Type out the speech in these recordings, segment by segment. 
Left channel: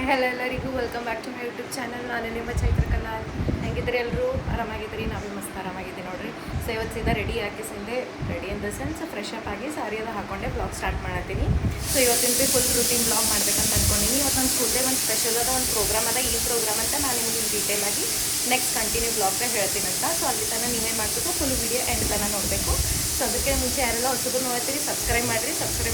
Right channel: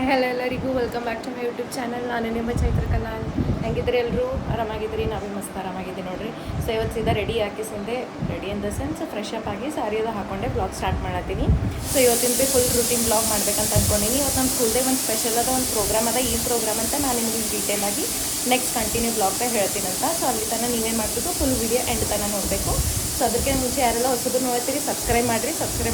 Hi hello ಎಲ್ಲರಿಗೂ welcome back to my YouTube channel. ನಾನು ನಿಮ್ಮ ಚೈತ್ರ ಕನ್ನಾಳ್. ಹೆಂಗಿದ್ರೆ ಎಲ್ಲರೂ ಆರಾಮಾಗಿದ್ದೀರಿ, ನಾವೇ ಮಸ್ತ್ ಆರಾಮಾಗಿದ್ದೀವಿ ನೋಡಿರಿ. ಸೊ ಇವತ್ತು ಸೀದಾ ರೆಡಿ ಆಗಿಸಿಂದೆ, ready in the sense fresh up ಆಗಿ ಸಾರಿ ಎಲ್ಲ ಹಾಕೊಂಡೆ ಬ್ಲಾಗ್ ಸ್ಟಾರ್ಟ್ ಮಾಡತ್ತೀನಿ. ಸೊ ಇವತ್ತಿಂದ ಫುಲ್ ರೂಟೀನ್ ಬ್ಲಾಗ್ ಮಾಡ್ಬೇಕಂತ ಅಂದ್ಕೊಂಡಿನಿ. ಇವತ್ತು ನನ್ನ ಸ್ಕೂಲ್ದಾಗ ಒಂದು ಸ್ಪೆಷಲ್ ಅದ, ಒಂದು ಪ್ರೋಗ್ರಾಮ್ ಅದ. ಈ ಪ್ರೋಗ್ರಾಮ್ ಅಂತ ನಾನು ನಿಮಗೆ ಡೀಟೇಲ್ ಆಗಿ ನೆಕ್ಸ್ಟ್ ಕಂಟಿನ್ಯೂ ಬ್ಲಾಗ್ದಾಗ ಹೇಳ್ತೀನಂತ. ಸೊ ಅಲ್ಲಿ ತನಕ ನೀವೇ ಮಾಡ್ಬಿಟ್ಟು ಫುಲ್ ವೀಡಿಯೋ ಎಂಡ್ ತನಕ ನೋಡಬೇಕು. ಸೊ ಅದಕ್ಕೆ ಮುಂಚೆ ಯಾರೆಲ್ಲ ಹೊಸಬರು ನೋಡ್ತೀರಿ ಸಬ್ಸ್ಕ್ರೈಬ್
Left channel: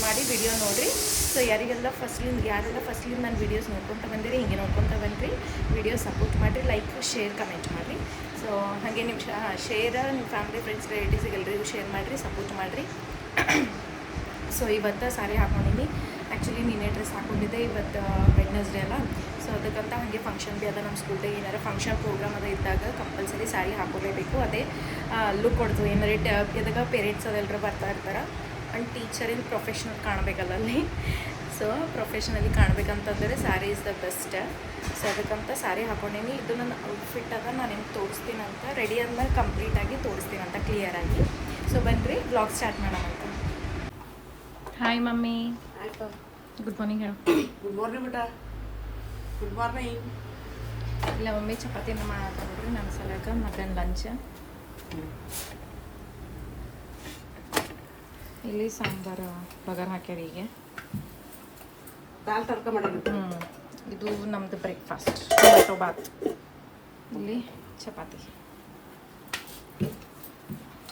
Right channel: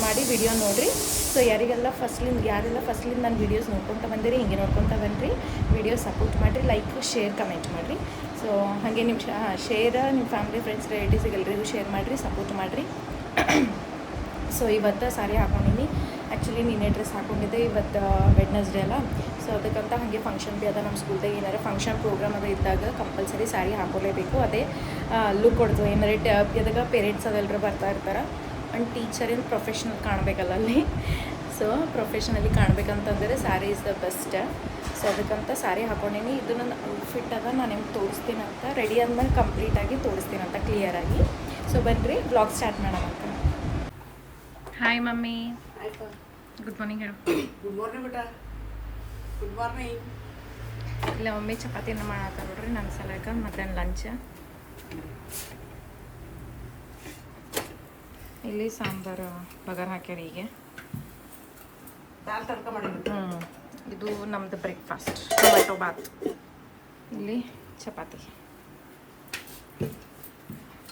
ಮಾಡಿ ವಿಡಿಯೋ ನೋಡಿರಿ. ಸೊ ಯಾರೆಲ್ಲ ಫಸ್ಟ್ಲಿಂದ ನನ್ನ ವೀಡಿಯೋಸ್ ನೋಡ್ಕೊತ ಬಂದಿರಿ, ಹಿಂಗೆ ನೋಡ್ಕೊತ ಬಂದ್ರಿ. ವಿಡಿಯೋ ಸಪೋರ್ಟ್ ಮಾಡಿರಿ, ಲೈಕ್ ಶೇರ್ ಕಮೆಂಟ್ ಮಾಡಿರಿ. ಸೊ ಹಾಗೆ ನೀವು ಶೇರ್ ನಿಮ್ಮ ಫ್ಯಾಮಿಲಿ ಫ್ರೆಂಡ್ಸ್ ರಿಲೇಟಿವ್ಸಿಗೆ ಎಲ್ಲರಿಗೂ ಶೇರ್ ಮಾಡಿರಿ, ಸಪೋರ್ಟ್ ಮಾಡಿರಿ. ಸೊ ಇವತ್ತು ಸಾರಿ ಹಾಕೊಂಡಿನಿ. ಆ್ಯಕ್ಚುಲಿ ನೀನೇ ಡ್ರೆಸ್ ಹಾಕೊಂಡಿದ್ದೆ, ಇವತ್ತು ವೆಡ್ನೆಸ್ಡೇ ಅಲ್ಲ. ಸೊ ಅದಕ್ಕಂತ ಹಾಗೆ ಫಂಕ್ಷನ್ ಭೀ ಅದ ನಮ್ಮ ಸ್ಕೂಲ್ದಾಗ. ಏನಾರು ಫಂಕ್ಷನ್ ಪ್ರೋಗ್ರಾಮ್ ಅದ ಇದ್ದಾಗ ಕಂಪಲ್ಸರಿ ಸಾರಿ ಹಾಕೋಲೇಬೇಕು. ಅದೇ ಲುಕ್ ಕೊಡ್ತದೆ. ಏನಾರು ಎದಾಗ ಪೇರೆಂಟ್ಸ್ ಅದೆಲ್ಲರೂ ಬರ್ತಾ ಇರ್ತಾರೆ ಆ್ಯಂಡ್ ಟೀಚರಿಂದ ಪ್ರೊಫೆಷ್ನಲ್ ಕಾಣಬೇಕಲ್ಲ ಅಲ್ಲಿ. ಸೊ ಪ್ರೊಫೆಷ್ನಲಿ ಕಾಣಬೇಕಂತಂದರೆ sari is the best. So ಅದಕ್ಕಂತ ಸ್ಯಾರಿ ಹಾಕೊಂಡೀನಿ. ಇದು ನನ್ನ ಔಟ್ಫಿಟ್ ಅದ, ನಾನು ನಿಮ್ಗೆ ತೋರಿಸ್ತೀನಂತ. ರೆಡಿ ಆದ್ಮೇಲೆ ಕಂಪ್ಲೀಟಾಗಿ ತೋರಿಸ್ತೀನಂತ ಕ್ಲಿಯರಾಗಿ. ಸೊ ಬನ್ನಿರಿ ಬ್ಲಾಗ್ ಸ್ಟಾರ್ಟ್ ಮಾಡೋಣಂತ. Hi mummy. ಗುಡ್ ಮಾರ್ನಿಂಗ್ ಹೇಳು. ಗುಡ್ ಮಾರ್ನಿಂಗ್ ಬೇಟ. Good morning. ಇಲ್ಲ ಮಮ್ಮಿ ಚಪಾತಿನ ಮಾಡತ್ತಾರ ನೋಡ್ರಿ ನನ್ನ ಸಲಕ. ಮಧ್ಯಾಹ್ನ ಲಂಚ್ ಇಲ್ಲಿ ಸಾಂಬಾರು ಬಗಾರ್ ಹಾಕ್ಯಾರ. ಈಗ ದಾಲ್ ತಡ್ಕ ಮಾಡಿದ್ವಿ. ಇದು ನಮ್ಮದು ಬ್ರೇಕ್ಫಾಸ್ಟ್, ಟೊಮೆಟೊ ಬಾತ್. ಇಲ್ಲಿ ಚಪಾತಿ.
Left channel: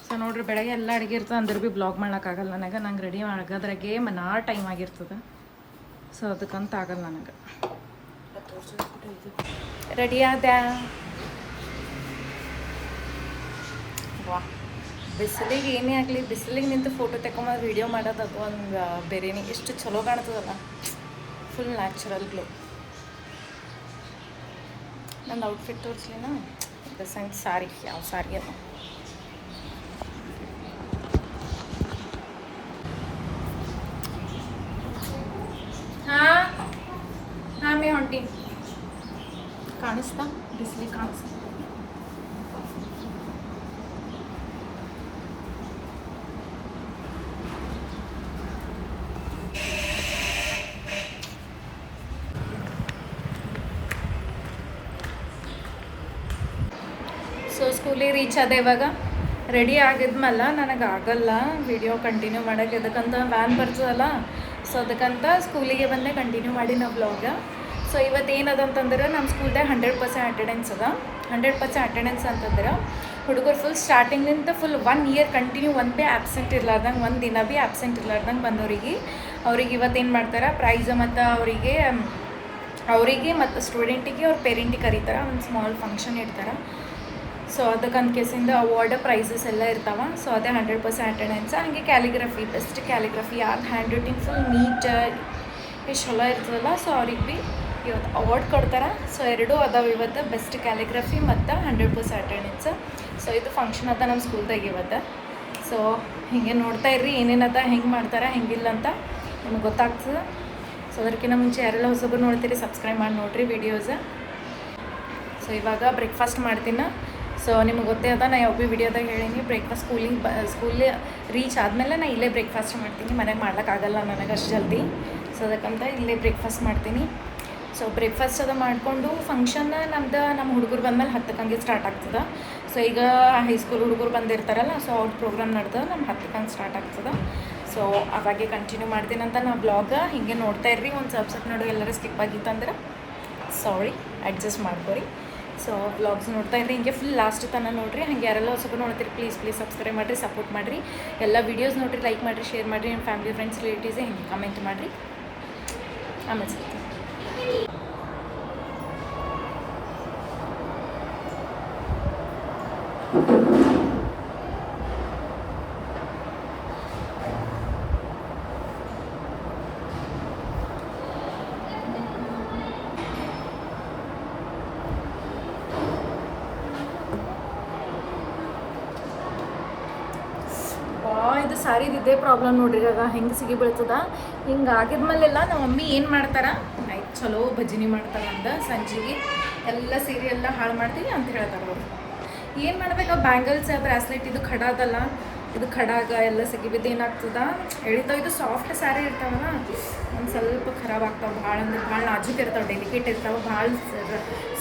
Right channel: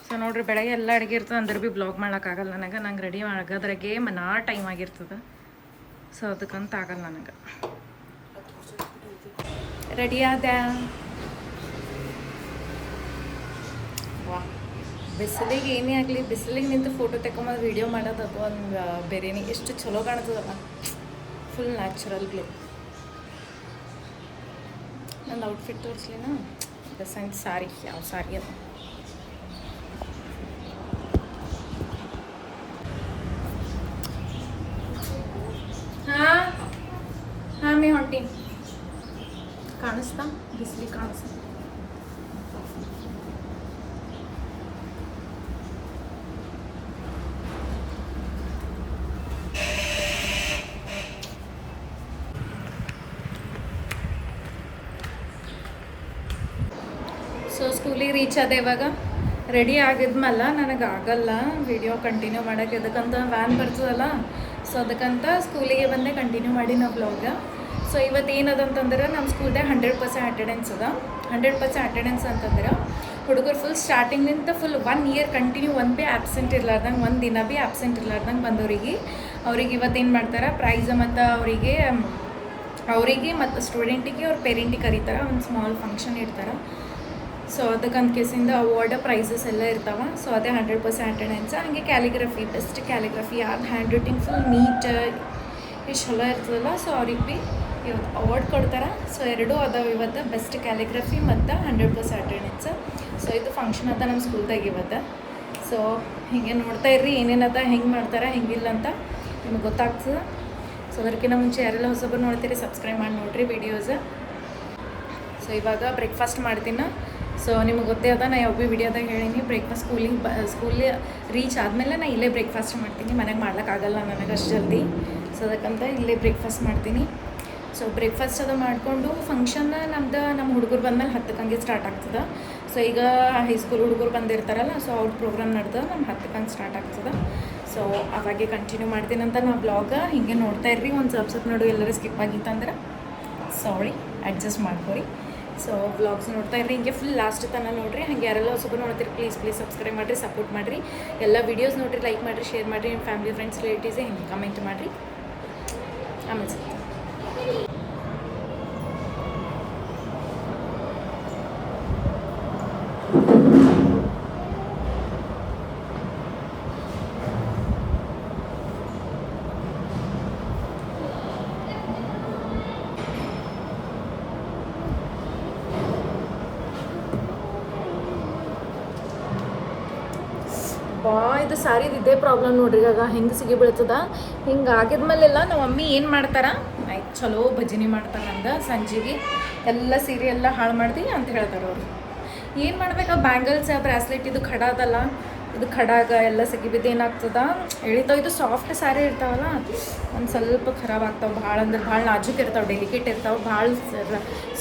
ಸೊ ನೋಡ್ರಿ, ಬೆಳಗ್ಗೆ ಎಲ್ಲ ಅಡುಗೆ ಇರ್ತದೆ ಅಂದ್ರೆ ಭೀ ಬ್ಲಾಗ್ ಮಾಡೋಕ್ಕಾಗಲ್ಲ ನನಗೆ. ನಂಗೆ ರೆಡಿ ಆಗೋದ್ರಾಗೆ ಮನಾ ಟೈಮ್ ಆಗಿರ್ತದೆ. ಸೊ ಅದಕ್ಕಂತ ಆಗಲ್ಲ ನನಗೆ. ರೆಡಿ ಆದ. ವಾ, ಬಿಸಿಲಿಗೆ ಏನೇ ಆಗಲಿ, ಬಿಸಿಲಿಗೆ ನಿಂತು ಫೋಟೋ ತಗೊಂಬಂದು ವೀಡಿಯೋ ಮಾಡೋದು ಅದು ಒಂದು ಬೇರೆನೇ. ಎಷ್ಟು ಚಲೋ ಕಾಣ್ತದಲ್ಲ, ಫುಲ್ ನ್ಯಾಚುರಲ್ ಗ್ಲೋ. ನಂದು ಔಟ್ಫಿಟ್ ತೋರಿಸ್ಲಿನ ದ ಸೆನ್ಸ್ ಸಾರಿ, ಯಾವ ಸಾರಿ ಅದು. ಹಾಂ ಮೇ ಹೊಂಟೀನಿ. ಕಾಣಿಸ್ತಾ ಬಿಸಿಲಿ ಕಾಣಿಸ್ತಾ. ಸೊ ಸ್ಕೂಲಿಗೆ ರೀಚ್ ಆದೆ. ಇವಾಗ ರೆಡಿ ಆಗಿದ್ಮೇಲೆ ನನಗೆ ಆಗಲ್ಲ ವಿಡಿಯೋ ಕಂಟಿನ್ಯೂ ಮಾಡೋಕ್ಕೆ. ಅದಕ್ಕಂತ ವ್ಯಾನ್ ಬರ್ತದಲ್ಲ. ಸೊ ಅದಕ್ಕಂತ ಸ್ಕೂಲಿಗೆ ಬಂದೆ, ಕಂಟಿನ್ಯೂ ಮಾಡಿ ನಾವು ಬ್ಲಾಗ. ಸೊ ಇವತ್ತು ಏನದಂತಂದ್ರೆ ನಮ್ಮ ಸ್ಕೂಲ್ದಾಗ 100% ಅಟೆಂಡೆನ್ಸ್ ಅದ. 100% ಅಟೆಂಡೆನ್ಸ್ ಅಂತಂದ್ರೆ ಹುಡುಗರು ಫುಲ್ ಸ್ಟಾರ್ಟಿಂಗ್ನಿಂದ ಫುಲ್ 1 ಇಯರ್ ಕಂಟಿನ್ಯೂ ಒಂದು ಭೀ ಆ್ಯಬ್ಸೆಂಟ್ ಇರ್ಲಾರ್ದಂಗೆ, ಒಂದು ದಿನ ಭೀ ಆ್ಯಬ್ಸೆಂಟ್ ಇರ್ಲಾರ್ದಂಗೆ ಬಂದವ್ರಿಗೆ ಇವತ್ತೇನು ಮಾಡ್ತಾರೆ, ಪ್ರೈಝ ಮತ್ತು ಅವರಿಗೆ ಮತ್ತು ಸ್ಟೂಡೆಂಟಿಗೆ ಅವ್ರ ಪೇರೆಂಟಿಗೆ ಕರೀತಾರೆ. ಒಂದು ಸ್ಮಾಲ್ ಫಂಕ್ಷನ್ ಇಡ್ತಾರೆ. ಸೊ ಅದಕ್ಕಂತ ಕೇಸಿಂದ ಅವಾರ್ಡ್ ಪ್ರೈಸಸ್ ಎಲ್ಲ ಇರ್ತಾವೆ. ಸೊ ಅದೇ 100% ಅಟೆಂಡೆನ್ಸ್. ಹಾಗೆ ಕ್ಯಾಲಿಗ್ರಫಿ, ಬೆಸ್ಟ್ ಕ್ಯಾಲಿಗ್ರಫಿ, ಯಾರು ಹ್ಯಾಂಡ್ ರೈಟಿಂಗ್ ಫುಲ್ ನೀಟ್ ಎಷ್ಟು ಚಲೋ ಇರ್ತದಲ್ಲ. ಸೊ ಅವ್ರಿಗೆ ಭೀ ಇವತ್ತು ಅವಾರ್ಡ್ ಕೊಡ್ತಾರೆ. ಸೊ ಎರಡೂ ಅದಾವೆ ಇವತ್ತು, ಬೆಸ್ಟ್ ಕ್ಯಾಲಿಗ್ರಫಿ ಮತ್ತು 100% ಅಟೆಂಡೆನ್ಸ್. ಸೊ ಇದು ಫಂಕ್ಷನ್ ಅದ ನಮ್ಮ ಸ್ಕೂಲ್ದಾಗ ಇವತ್ತು. ಸೊ ಹೀಗೆ ನೋಡ್ತಾ ಇರ್ರಿ ಏನೇನದ, ಹೆಂಗೆ ಮಾಡ್ತಾರೆ, ಹೆಂಗಿಲ್ಲ ಅಂತ ನಿಮ್ಗೆ ಗೊತ್ತಾಗ್ತದೆ. ಸೊ ಅದಕ್ಕಿಂತ ಮುಂಚೆ ಯಾರೆಲ್ಲ ಹೊಸಬರು ನೋಡ್ತೀರಿ ಸಬ್ಸ್ಕ್ರೈಬ್ ಮಾಡಿ ನೋಡಿರಿ ವೀಡಿಯೋಸ್. ಸೊ ಇವಾಗ ಬ್ರೇಕ್ಫಾಸ್ಟ್ ಮಾಡ್ತೀನಿ. ಸೊ ನಿಮ್ಗೆ ಗೊತ್ತೇ ಅದ, ನಾ ಯಾವ ಭೀ ವಿಡಿಯೋದಾಗ ಹೇಳೀನಿ, ಬ್ರೇಕ್ಫಾಸ್ಟ್ ಸ್ಕೂಲಿಗೆ ರೀಚ್ ಆದಮೇಲೆ ನಾನು ಇಲ್ಲೇ ಬ್ರೇಕ್ಫಾಸ್ಟ್ ಮಾಡ್ತೀನಿ. ಮನೆಗೆ ಮಾಡ್ಲಿಕ್ಕಾಗಲ್ಲ ನನಗೆ ಅಷ್ಟು ಜಲ್ದಿ. ಸೊ ಅದಕ್ಕಂತ ಇಲ್ಲೇ ಬ್ರೇಕ್ಫಾಸ್ಟ್ ಮಾಡ್ತೀನಿ. ಸೊ ಬ್ರೇಕ್ಫಾಸ್ಟ್ ಅದು ಮಾಡಿಕೊಂಡು ಫಂಕ್ಷನ್ ನಮ್ಮ ಹುಡುಗರು ಬಂದಮೇಲೆ 10ಕ್ಕೆ ಹಂಗೆ ಸ್ಟಾರ್ಟ್ ಆಗ್ತದೆ. ಸೊ ಈಗ ಹೈಸ್ಕೂಲ್ ಹುಡುಗರು ಬಂದಿರ್ತಾರಲ್ಲ, ಸೊ ಅವ್ರ ಪ್ರೋಗ್ರಾಮ್ ನಡೆದ ನಮ್ಮ 10ಕ್ಕೆ ಹಂಗೆ ಸ್ಟಾರ್ಟ್ ಆಗ್ತದೆ. ಸೊ ಅವಾಗೆ ಕಂಟಿನ್ಯೂ ಮಾಡ್ತೀನಂತ ನಾ ಬ್ಲಾಗ. ಹಿಂಗೆ ನೋಡ್ತಾ ಇರ್ರಿ. ಒಂದು ಸ್ವಲ್ಪ ನೋಡು ಎಲ್ಲರೂ ಸ್ಕಿಪ್ ಆಗಿತ್ತಂದ್ರೆ ಸಾರಿ, ಅಡ್ಜಸ್ಟ್ ಮಾಡ್ಕೊರಿ. ಸೊ ವ್ಲಾಗ್ಸ್ ನೋಡ್ತಾ ಇರ್ರಿ, ಹಿಂಗೆ ಫುಲ್ ಲಾಸ್ಟ್ ತನಕ ನೋಡಿರಿ. ಹಾಗೆ ಯಾರೆಲ್ಲ ಹೊಸಬರು ನೋಡ್ತೀರಿ ಪ್ಲೀಸ್ ಸಬ್ಸ್ಕ್ರೈಬ್ ಮಾಡಿರಿ, ಸಪೋರ್ಟ್ ಮಾಡಿರಿ. ಎಲ್ಲ ವೀಡಿಯೋಸ್ ನೋಡಿರಿ, ಲೈಕ್ ಮಾಡಿರಿ, ಶೇರ್ ಮಾಡಿರಿ. ನಿಮ್ಮ ಫ್ಯಾಮಿಲಿ ಫ್ರೆಂಡ್ಸ್ ರಿಲೇಟಿವ್ಸೇ ಹಿಂಗೆ ಕಮೆಂಟ್ ಮಾಡಿರಿ. ಆಮೇಲೆ ಸಿಗ್ತೀನಿ. ಇದು ಸಾರಿದು ಇದೇ ಪ್ರಾಬ್ಲಮ್ ನೋಡ್ರಿ. ಈಗ ಹೆಂಗೆ ಸಿಗಿ ಬೀಳ್ತದ. ಹಿಂಗೆ ಆಗಿದ್ಮೇಲೆಲ್ಲ ನಮ್ಮ ಮಮ್ಮಿ ಏನು ಮಾಡ್ತಾರೆ, ಆಯ್ತು ಚಲೋ ಭಜನೆ ಮಾಡ್ತಾರೆ ಅಂದ ಸಂಜೆಗೆ ಎಲ್ಲ ಸೀರೆ ಎಲ್ಲ ಹಾಳು ಮಾಡ್ತೀವಿ ಅಂತ ಹೇಳ್ತಾರೆ ಅವರು. ಏನು ಮಾಡ್ಬೇಕು, ಬ್ಯಾಂಗಲ್ಸ್ ಬ್ರಾಸ್ಲೆಟ್ ಇದು ಖಡ ಅದಲ್ಲ ಇದು ಖಡಾಗ ಎಲ್ಲ ಸಗಿಬಿದ್ದು ಏನಾಗ್ತದ ಎಳಿತಾವ. ಇದು ಸಾಫ್ಟ್ ಸ್ಯಾರಿ ಇರ್ತಾವಲ್ಲ ಒಂದು ಸ್ವಲ್ಪ ಖರಾಬ್ ಆಗ್ತಾವೆ, ಭಾಳ ಅಂದ್ರೆ ಭಾಳ ನಾಜೂಕ್ ಇರ್ತಾವೆ, ಡೆಲಿಕೇಟ್ ಇರ್ತಾವೆ, ಭಾಳ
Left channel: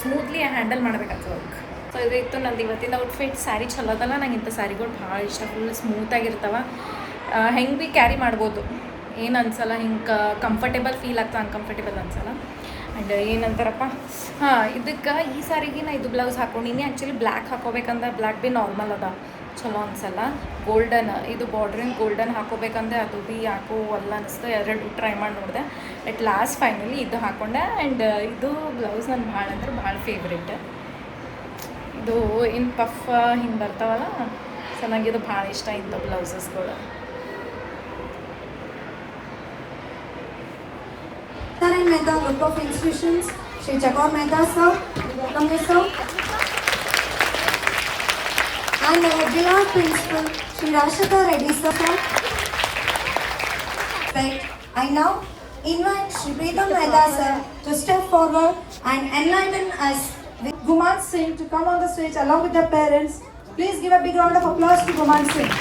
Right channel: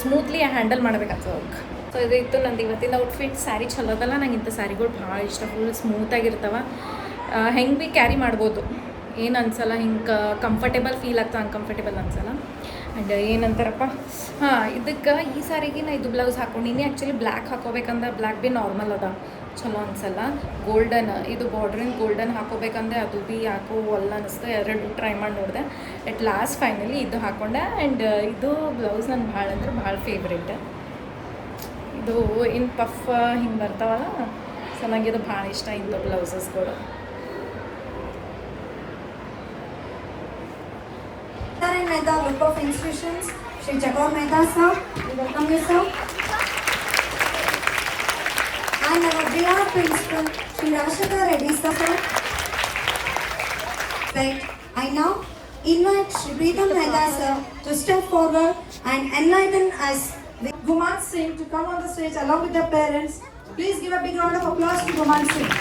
ಸ್ಮೂತ್ಲಿ ಹ್ಯಾಂಡಲ್ ಮಾಡ್ಬೇಕಾಗ್ತದೆ ಅವ್ಕೆ. ಸೊ ಇದು ಇತ್ತು ನಂದು ಇವತ್ತಿನ ಔಟ್ಫಿಟ್. ಸ್ಯಾರಿ ಚಲೋ ಅದಲ್ಲ, ನಂಗೆ ಇಂಥ ಸ್ಯಾರಿಗಳು ಭಾಳ ಇಷ್ಟ. ಫುಲ್ ಸ್ಮೂತಾಗಿರ್ತಾವೆ, ಹೆಂಗೆ ಭೀ ಕ್ಯಾರಿ ಮಾಡ್ಬೋದು, ಏನು ಅನ್ಸಲ್ಲ, ಹಿಂಗೆ ಕಂಫರ್ಟೇಬಲ್ ಫೀಲ್ ಆಗ್ತದೆ, ಅನ್ಕಂಫರ್ಟೇಬಲ್ ಅನ್ಸಲ್ಲ. ಆ್ಯಂಡ್ ಏನಂತಾರಪ್ಪ, ಹಾಂ ಇದಕ್ಕೆ ಈ ಸಾರಿಗೆ ನಾ ಇದು ಬ್ಲೌಸ್ ಹಾಕ್ಕೊಂಡಿನಿ. ಆ್ಯಕ್ಚುಲಿ ಬ್ಲ್ಯಾಕ್ ಹಾಕೋಬೇಕಂದ್ರೆ ಬ್ಲ್ಯಾಕ್ ಭೀ ನಾರ್ಮಲ್ ಅದ, ಚಲೋ ಅನ್ಸಲ್ಲ. ಗೋಲ್ಡನ್ ಇದು ಬಾರ್ಡ್ರಿನ ಗೋಲ್ಡನ್ ಹಾಕೋಬೇಕಂದ್ರೆ ಅದು ಭೀ ಯಾಕೋ ಒಲ್ಲ ಅನ್ನಿಸ್ತು. ಎರಡು ಟ್ರೈ ಮಾಡಿ ನೋಡಿದೆ. ಅಟ್ ಲಾಸ್ಟ್ ಫೈನಲಿ ಇದು ಹಾಕ್ಕೊಂಡೆ. ಆ್ಯಂಡ್ ಇದು ಬ್ಲೌಸ್ ನನಗೆ ಭಾಳ ಅಂದ್ರೆ ಭಾಳ ಫೇವ್ರೇಟ್. ಇದು ಇನ್ನು ಪಫ್ ಹಿಂಗೆ ಬರ್ತಾವಲ್ಲ, ಸೊ ನನಗೆ ಇದು ಭಾಳ ಇಷ್ಟ ಇಂಥ ಬ್ಲೌಸಸ್ಗಳು. And Mehta, Group of Institutions, Shri Chakor Mehta sir, we welcome you sir. And our beloved principal, Shri Rashika Reddy sir. I now invite Shri Preetham Mehta sir to step forward and enlighten us with Guman Singh to come on the stage along with their parents. Please give a big round of applause to Guman Singh.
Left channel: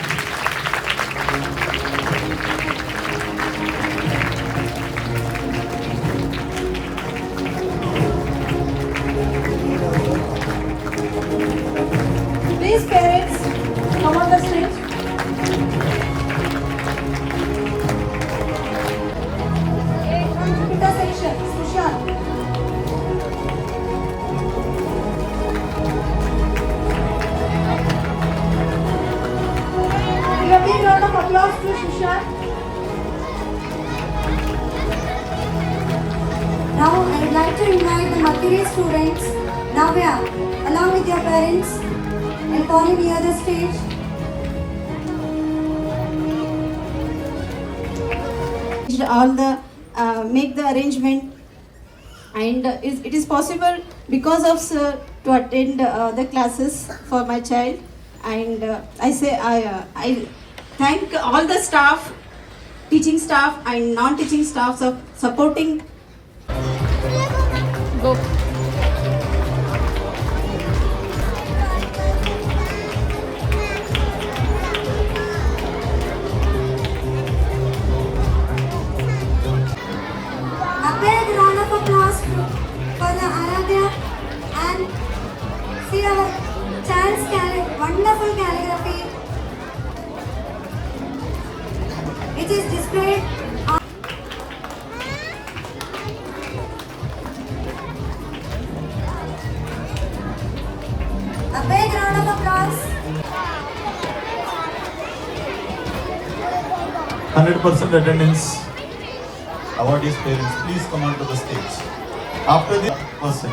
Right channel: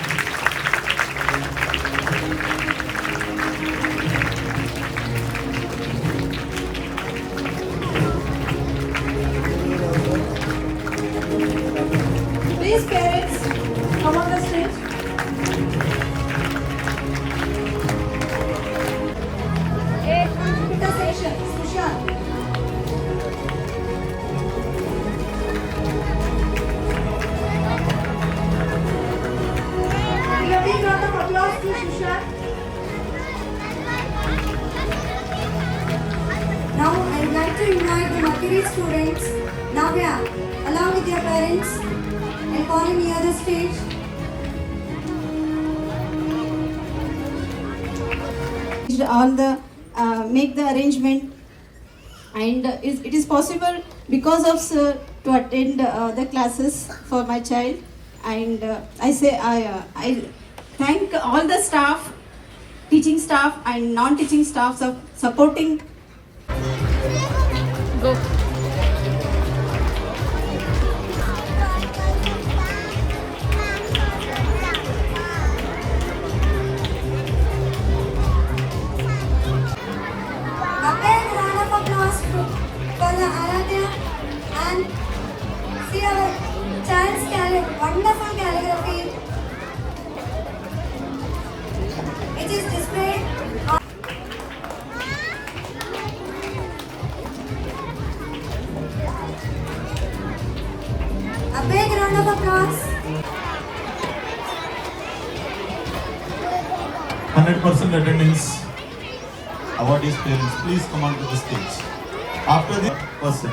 Please parents, come on the stage. Computer section, Sushant. Give a big round of applause to Sushant. now I would like to invite the Makiri students, Navya, along with their parents, and calling near the stage. All the make the arrangement, and it is possible because of sir to attend the classes for my child. And I thank all the staff, teaching staff and non-teaching staffs of supporting. Go. A big round of applause for the Aradhya and see our child's wonderful calligraphy. It is displayed on a big round of applause. 100% attendance. Awardees parents, please come onto the stage. After the person,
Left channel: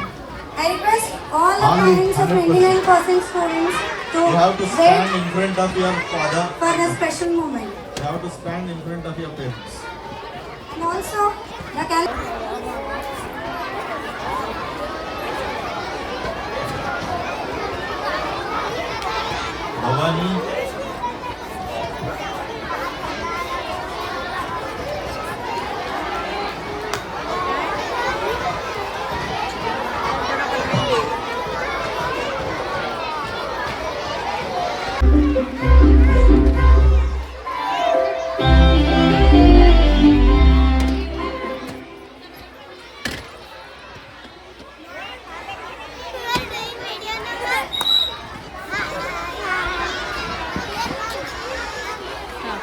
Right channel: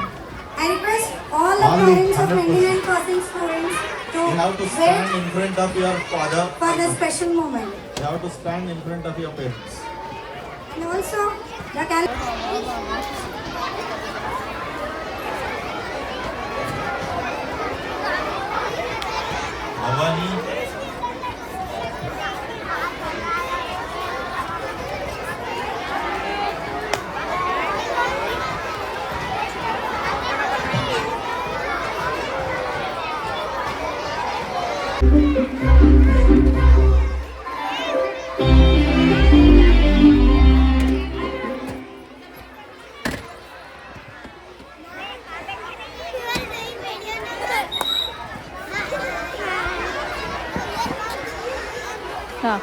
I request all the Only parents of 100%. 29% students to you have to stand wait in front of your father. for the special moment. You have to stand in front of your parents. And also, the Bhavani, ಹಾಂ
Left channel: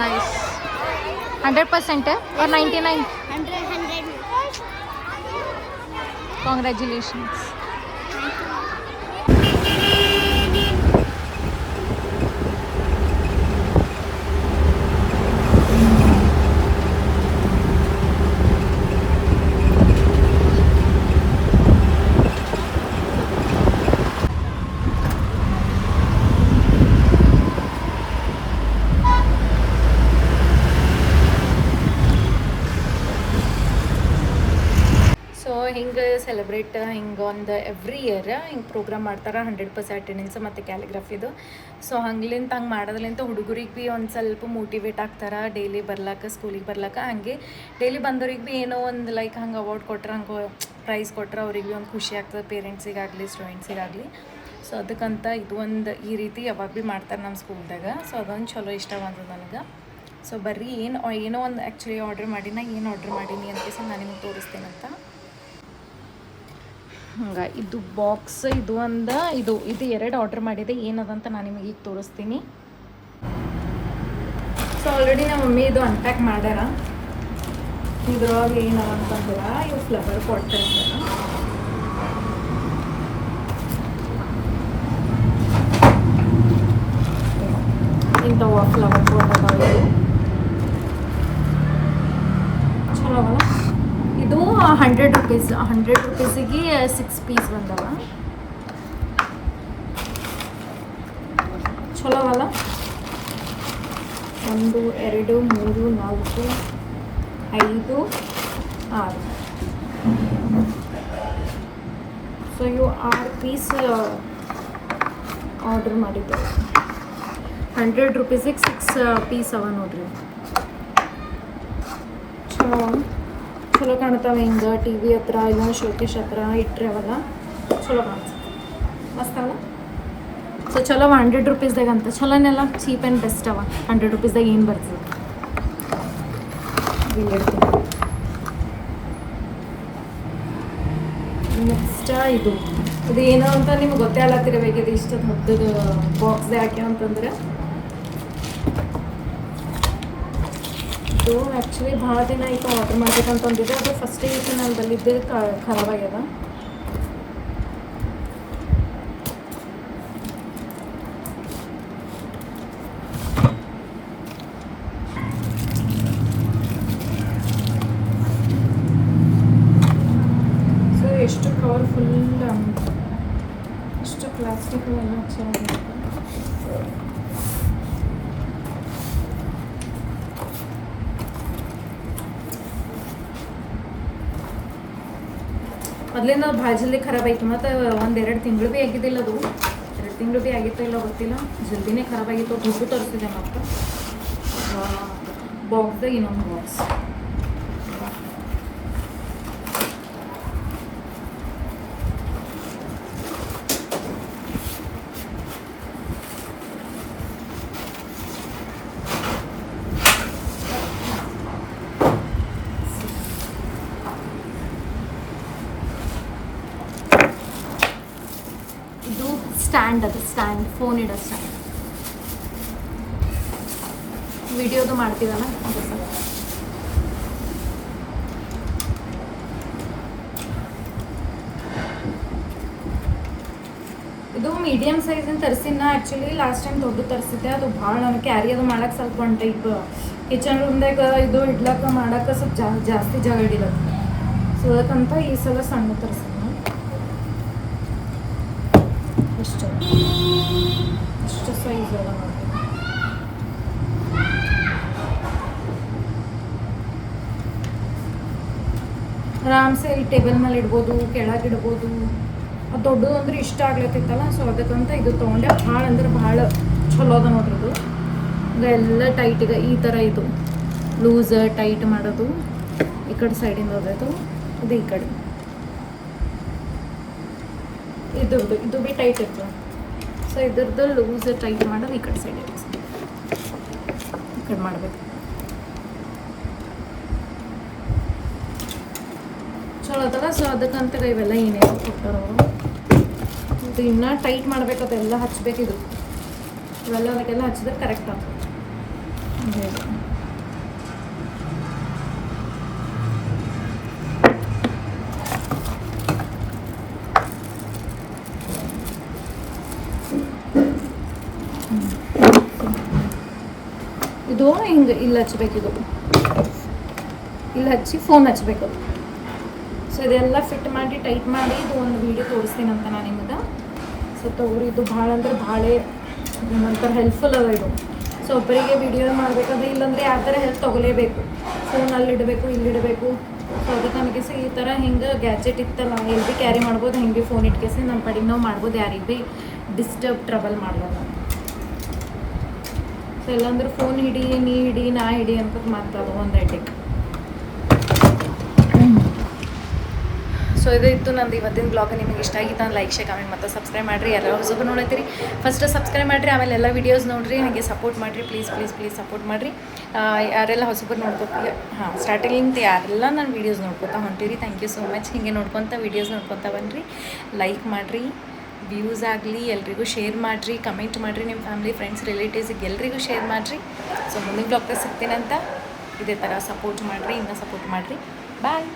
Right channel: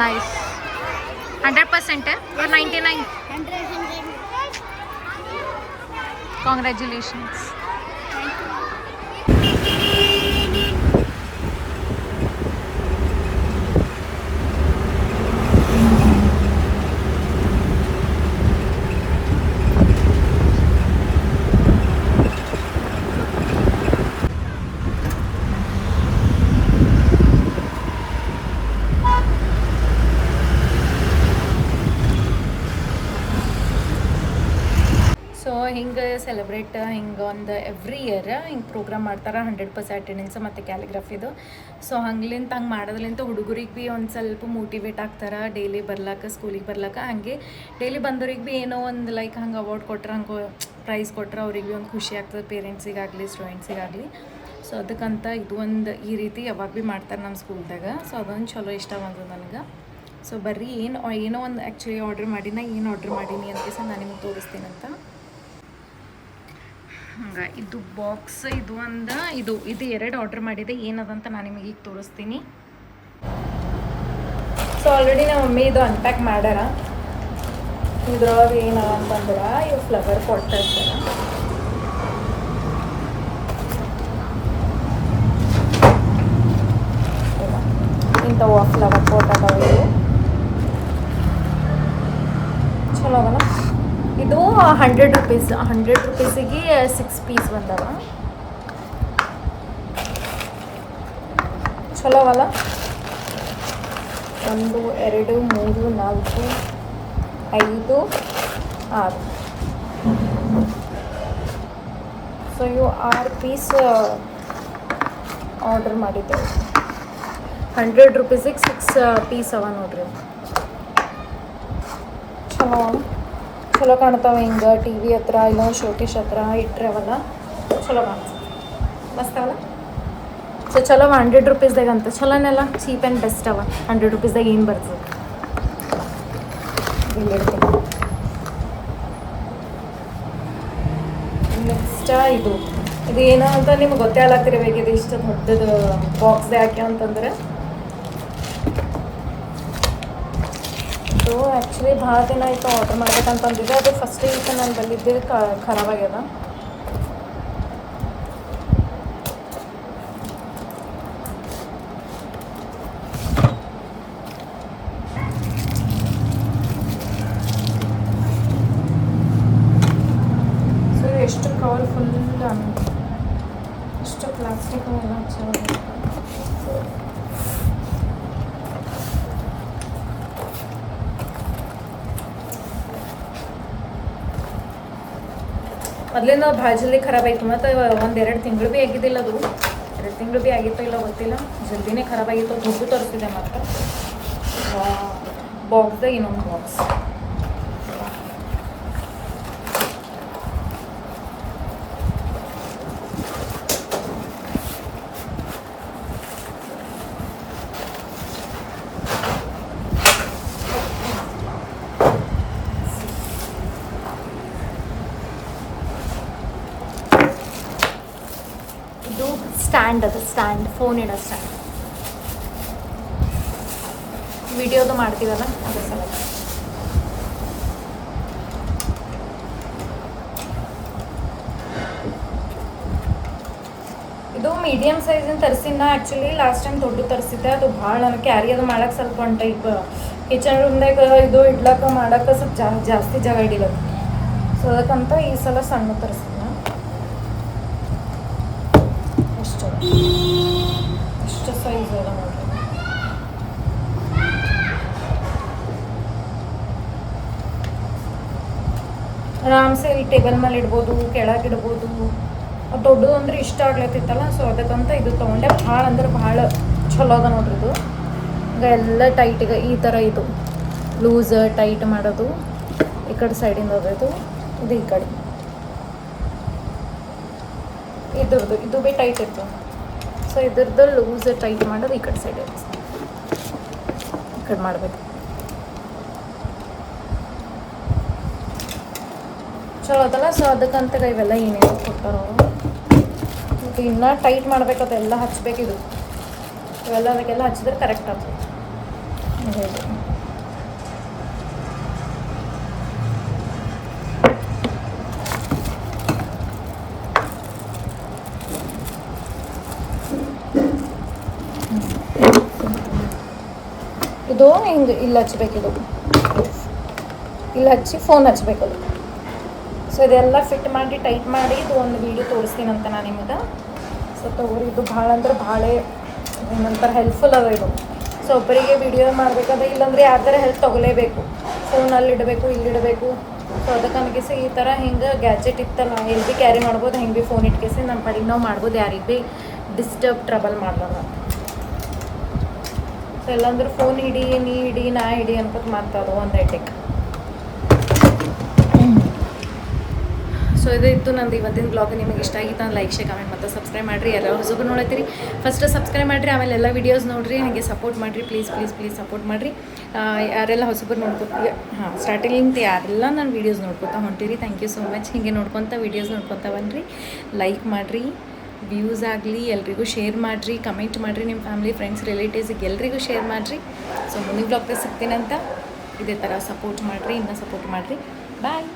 nice. 100% or 99? 100. Congratulations. Celebrate ಹಿಂಗೆ ಒಂದು every year ಹಿಂಗೆ program ಮಾಡ್ತಾರೆ 100% attendance ಮತ್ತು ಕ್ಯಾಲಿಗ್ರಫಿದು. So ಹಂಗ್ಲಿಂತ ಹಂಗೆ ಮಾಡೋದ್ಲಿಂತ ಹುಡುಗರಿಗೆ ಭೀ ಒಂದು ಸ್ವಲ್ಪ ಮೋಟಿವೇಟ್ ಆಗ್ತಾರೆ ಡೈಲಿ ಬರ್ಲಾಕ ಸ್ಕೂಲಿಗೆ ಬರ್ಲಾಕ. ಹಂಗೆ ಡೈಲಿ ಬಂದವ್ರಿಗೆ ಭೀ ಏನೋ ಒಂದು ಲೈಕ್ ಹಂಗೆ ಅವಾರ್ಡ್ ಕೊಟ್ರೆ, ಹಂಗೆ ಪ್ರೈಸ್ ಕೊಟ್ರೆ ಅವ್ರಿಗೆ ಭೀ ಒಂದು ಖುಷಿ ಆಗ್ತದೆ, ಪೇರೆಂಟ್ಸಿಗಾಗಲಿ ಸ್ಟೂಡೆಂಟ್ಸಿಗಾಗಲಿ. ಸೊ ಅದಕ್ಕಂತ ಇದು ಒಂದು ಈ ರೀತಿ ಯಾವಾಗ ಭೀ ಮಾಡ್ತಾರೆ ನಮ್ಮ ಸ್ಕೂಲ್ದಾಗ. ಸೊ ಅದೊಂದು ಚಲೋ ಇಷ್ಟ ಬಂದದ್ದು ನನಗೆ. ಸೊ ಬರ್ರಿ ಏನೋ ಒಂದು ಆ್ಯಕ್ಚುಲಿ ಆರ್ಡ್ರ್ ಮಾಡಿನ ಏನು ಆರ್ಡ್ರ್ ಮಾಡೀನಿ ಅಂತ ನಾನು ನಿಮಗೆ ತೋರಿಸ್ತೀನಂತ. ಹಂಗೆ ಇದು ಬಾಕ್ಸ್ ಇದು ಇದು 2 ಆರ್ಡ್ರ್ ಮಾಡಿದೆ. ಏನದಂತ ನಾನು ನಿಮಗೆ ಈಗ ತೋರಿಸ್ತೀನಿ. ಸೊ ಆಲ್ರೆಡಿ ನಮ್ಮ ಮಮ್ಮಿ ಇದು ಅನ್ಪ್ಯಾಕ್ ಮಾಡ್ಯಾರ. ಇದ್ರೊಳಗೆ ಏನದ ಅಂತಂದ್ರೆ ಇವು ಫ್ಲವರ್ ಪಾಟ್ ಇರ್ತಾರೆ. ಇಂಥವು ಫ್ಲವರ್ ಪಾಟ್ ಅದಾವೆ. ಇವು ಚಲೋ ಅವಲ್ಲ. ಇದು 100 ರೂಪೀಸ್. 100 ರೂಪೀಸಿಗೆ 6 ಪೀಸ್ ಬಂದವ. ಚಲೋ ಅವಲ್ಲ. 1 2 3 4 5 6. ಸೊ ಇವು 6 ಪೀಸ್ ಆರ್ಡ್ರ್ ಮಾಡಿದ್ದೆ. 100 ರೂಪೀಸಿಗೆ 6 ಪೀಸ್ ಅವ ನೋಡ್ರಿ. ಚಲೋ ಕಾಣ್ತಾವೆ. ಹಿಂಗೆ ಟಿ ವಿ ಹತ್ರ ಇಲ್ಲ ಶೋಕೇಶ್ ಹತ್ರ ಇಟ್ಟರೆ ಅವಲ್ಲ ಚಲೋ ಕಾಣಿಸ್ತದೆ, ಮಸ್ತ್ ಅವಲ್ಲ. ಸೊ ಚಲೋ 100 ರೂಪೀಸ್ದಾಗ ಅಂತ ಚಲೋನೆಲ್ಲ ಚೀಪ್ ಆ್ಯಂಡ್ ಬೆಸ್ಟ್ ಅವ. 100 ರೂಪೀಸ್ದಾಗ ಏನು ಬರ್ತದೆ ನೆಕ್ಸ್ಟ್ ಇದು ಏನು ಅಂತ ನಿಮ್ಗೆ ಗೊತ್ತೇ ಆಗ್ತಿರ್ಬೇಕಿದೆ. ಇಷ್ಟು ದೊಡ್ಡದು ಬಾಕ್ಸ್ದೇ ಹಾಕಿ ಅಂತಂದ್ರೆ ಇದು ಆ್ಯಕ್ಚುಲಿ ಭಾಳ ದಿನ ಆಯಿತು ಆರ್ಡ್ರ್ ಮಾಡ್ಬೇಕಂತಂದಿದ್ದೆ. ಅದು ಫಸ್ಟಿಗೆ ನಾನು ಬಂದಿದ್ದೆ ಖರಾಬಾಗ್ಯದ. ಸೊ ಎಷ್ಟು ಕವರ್ಫುಲ್, ಎಷ್ಟು ಪ್ಲಾಸ್ಟಿಕ್ ಎಲ್ಲ ಚೆನ್ನಾಗಿ. ಮೊದಲಿಂದ ಭಾಳ ಜಲ್ದಿ ಖರಾಬಾಯಿತು. ಮತ್ತು 1-2 ತಿಂಗಳು ಭೀ ಆಗಿದ್ದಿಲ್ಲ. ಅದು 2 ತಿಂಗಳು ಭೀ ಆಗಿತ್ತೋ ಇಲ್ಲ ಗೊತ್ತಿಲ್ಲ, ಜಲ್ದಿನೇ ಖರಾಬಾಗಿತ್ತು. ದುಡ್ಡು ತರಿಸಿದೆ. ಮತ್ತು ಬಾಕ್ಸ್ದಾಗ ಇನ್ನೊಂದು ಬಾಕ್ಸ್. ಸ್ಟ್ಯಾಂಡ್, ಅದು ಸ್ಟ್ಯಾಂಡ್, ಫೋನ್ ಇಡೋ ಸ್ಟ್ಯಾಂಡ್. ವಿಡಿಯೋದು ಮಾಡ್ತೀವಲ್ಲ ಅದ್ರ ಸಲ. ಇದು ಮೀಡಿಯಮ್ ಸೈಜಿನ ತರಿಸಿನ. ಆ್ಯಕ್ಚುಲಿ ಲಾಸ್ಟ್ ಟೈಮ್ ದೊಡ್ಡ ತರಿಸಿದ್ದೆ. ಅದು ಭಾಳ ನನಗೆ ಕ್ಯಾರಿ ಅದು ಮಾಡೋಕ್ಕೆ ಸ್ವಲ್ಪ ಒಂದು ಟೈಪ್ ಕಿಚನ್ ರೂಮ್ದಾಗ ಇದು ಇಡ್ಲಾಕ ಮಾಡೋಕೆ ಸ್ವಲ್ಪ ಜಾಸ್ತಿ ಜಾಗ ಹಿಡಿಲದು. ಸೊ ಅದಕ್ಕಂತ ಈ ಸಲ ಸಣ್ಣ ತರಿಸಿದ್ನ. ಇಷ್ಟು ಸೈಜ್ ಎಲ್ಲ ನೋಡ್ಬೋದು. ಆರಾಮ್ಸೆ ಈ ಟೇಬಲ್ ಮೇಲೆ ಇಡ್ಬೋದು, ಕೆಳಗೆ ಇಡ್ಬೋದು. ಅದು ದೊಡ್ಡದು ಅಂದ್ರೆ ಇಷ್ಟ ಆಗ್ಲತ್ತಿತ್ತಲ್ಲ. ಸೊ ಅದಕ್ಕಂತ ಇದು ತೊಗೊಂಡೆ. ಭಾಳ ಅಂದ್ರೆ ಭಾಳ ಚಲೋ ಅದ ನೋಡ್ರಿದು. ಈಗ ಎಲ್ಲ ಟೈಟಿಗೆ ಈ ಥರ ಇದು ಲೂಸ್ ಟೈಟ್ ಮಾಡೋದು. ಈ ಕಡೆ ಸೈಡಿಂದ ಹೋಗೋದು, ಇದು ಈ ಕಡೆ ಇದ್ರದ್ದು ಇದು ಭೀ ಟೈಟ್ ಇರ್ತದೆ. ಸೊ ಇದ್ರದ್ದು ಲೂಸ್ ಟೈಟ್ ಮಾಡೋದು ಈ ಕಡೆ ಸೈಡ್ ಇರ್ತದೆ. ಈ ಕಡೆ ಮಾಡಬೇಕು. ಚಲೋ ಅದಲ್ಲ. ಸೊ ಅದಕ್ಕಂತ ಇವೆಲ್ಲ ಏನೇನು ಕೊಟ್ಟಾರೋ ಇದು ಇನ್ನೂ ಟೈಟ್ ಮಾಡಬೇಕು. ಅದೆಲ್ಲ ಹಚ್ಬೇಕಿದು. ಇವೆಲ್ಲ ಅದಕ್ಕೆಲ್ಲ ಹಚ್ಚಿದ್ರೆ ಕರೆಕ್ಟ್ ಆಗ್ತದೆ. ಇದು ಹಿಂಗೆ ಇಲ್ಲಿ ಹಚ್ಬೇಕಿದು. ಇಲ್ಲಿ ಹಚ್ಚಿ ಫೋನ್ ಹಚ್ಬೇಕದು. ಸೊ ಇದೆಲ್ಲ ಫಿಟ್ ಮಾಡಿ ಟೈಟ್ ಮಾಡಿ ಇದು ಒಂದು ವೀಡಿಯೋ ತೋರಿಸ್ತೀನಂತ ನಾನು ನಿಮಗೆ. ಸೊ ತಗೋರಿ, ಇದು ಭಾಳ ಅಂದ್ರೆ ಭಾಳ ಏನಂತಾರೆ ಹೆಲ್ಪ್ಫುಲ್ ಅದ ಇದು. ಸೊ ಒಬ್ಬರಿಗೆ ವಿಡಿಯೋ ಮಾಡಬೇಕಾದ್ರೆ ಇಲ್ಲಾಂದರೆ ಯಾರ ಥರ ಹೆಲ್ಪ್ ತೊಗೊಲೇಬೇಕು. ಫೋನಲ್ಲಿ ಇಡಬೇಕು, ಇಲ್ಲಿಡಬೇಕು. ಸೊ ಅದಕ್ಕೆ ಅನ್ಕೇಸಿ ಈ ಥರ ಹಿಂಗೆ ಗ್ಯಾಜೆಟ್ ಇತ್ತಲ್ಲ ಎಲ್ಲಿ ಭೀ ಕ್ಯಾರಿ ಮಾಡ್ಬೋದು, ಹಿಂಗೆ ಭೀ ಫೋನ್ ಇಟ್ಕೇಸಿ ನಮ್ಮ ಪಡಿಗೆ ನಾವು ಮಾಡ್ಬೋದು, ಯಾರಿಗೆ ಭೀ ಡಿಸ್ಟರ್ಬ್ ಟ್ರಬಲ್ ಮಾಡ್ಬೋದು. ಸೊ ಎಲ್ಲಂದ್ರೆ ಫೋನ್ ಹಿಡಿ, ನೀ ಹಿಡಿ, ನಾ ಹಿಡಿ ಅನ್ಕೋತ ಮಾತದು ಒಂದು ಎಟೆಕ್. ಸೊ ಇದು ಇತ್ತು ನಂದು ಇವತ್ತಿನ ಬ್ಲಾಗ್. ನಿಮಗೆ ಇಷ್ಟ ಆಗಿತ್ತು ಅಂದ್ರೆ ಲೈಕ್, ಶೇರ್, ಕಮೆಂಟ್ ಮತ್ತು ಸಬ್ಸ್ಕ್ರೈಬ್ ಮಾಡಿರಿ. ಯಾರು ಹೊಸಬರು ನೋಡತ್ತೀರಿ ಫಸ್ಟ್ ಸಬ್ಸ್ಕ್ರೈಬ್ ಮಾಡಿರಿ, ಆಮೇಲೆ ಎಲ್ಲ ವೀಡಿಯೋಸ್ ನೋಡಿರಿ, ಹಾಗೆ ಸಪೋರ್ಟ್ ಮಾಡಿರಿ. ಪ್ಲೀಸ್ ಸಪೋರ್ಟ್ ಮಾಡಿರಿ. ಯಾರೆಲ್ಲ ಹೊಸಬರು ನೋಡ್ಕೊತೀವಿ, ಸ್ಟಾರ್ಟಿಂಗಿಂದ ಯಾರೆಲ್ಲ ನಾನು ವೀಡಿಯೋಸ್ ನೋಡ್ಕೊತಾ ಹೊಂತೀರಿ, ಥ್ಯಾಂಕ್ ಯು ಸೋ ಮಚ್. ಹೀಗೆ ವೀಡಿಯೋಸ್ ನೋಡ್ಕೊತಾ ಬನ್ನಿರಿ. ಲೈಕ್ ಮಾಡಿರಿ, ವ್ಯೂಸ್ ಆಗಲಿ, ಎಲ್ರಿಗೂ ಶೇರ್ ಮಾಡಿರಿ, ಕಮೆಂಟ್ ಮಾಡಿರಿ, ನಿಮ್ಮ ಫ್ಯಾಮಿಲಿ, ಫ್ರೆಂಡ್ಸ್, ರಿಲೇಟಿವ್ಸಿಗೆ ಎಲ್ರಿಗೂ ಶೇರ್ ಮಾಡಿರಿ. ಸೊ ಮುಂದಿನ ಬ್ಲಾಗ್ದಾಗ ಸಿಗ್ತೀನಂತ ಇದೇ ಥರ ಸಪೋರ್ಟ್ ಮಾಡಿರಿ, ಇನ್ನೂ ಸಪೋರ್ಟ್ ಮಾಡಿರಿ. ಬಾಯ್.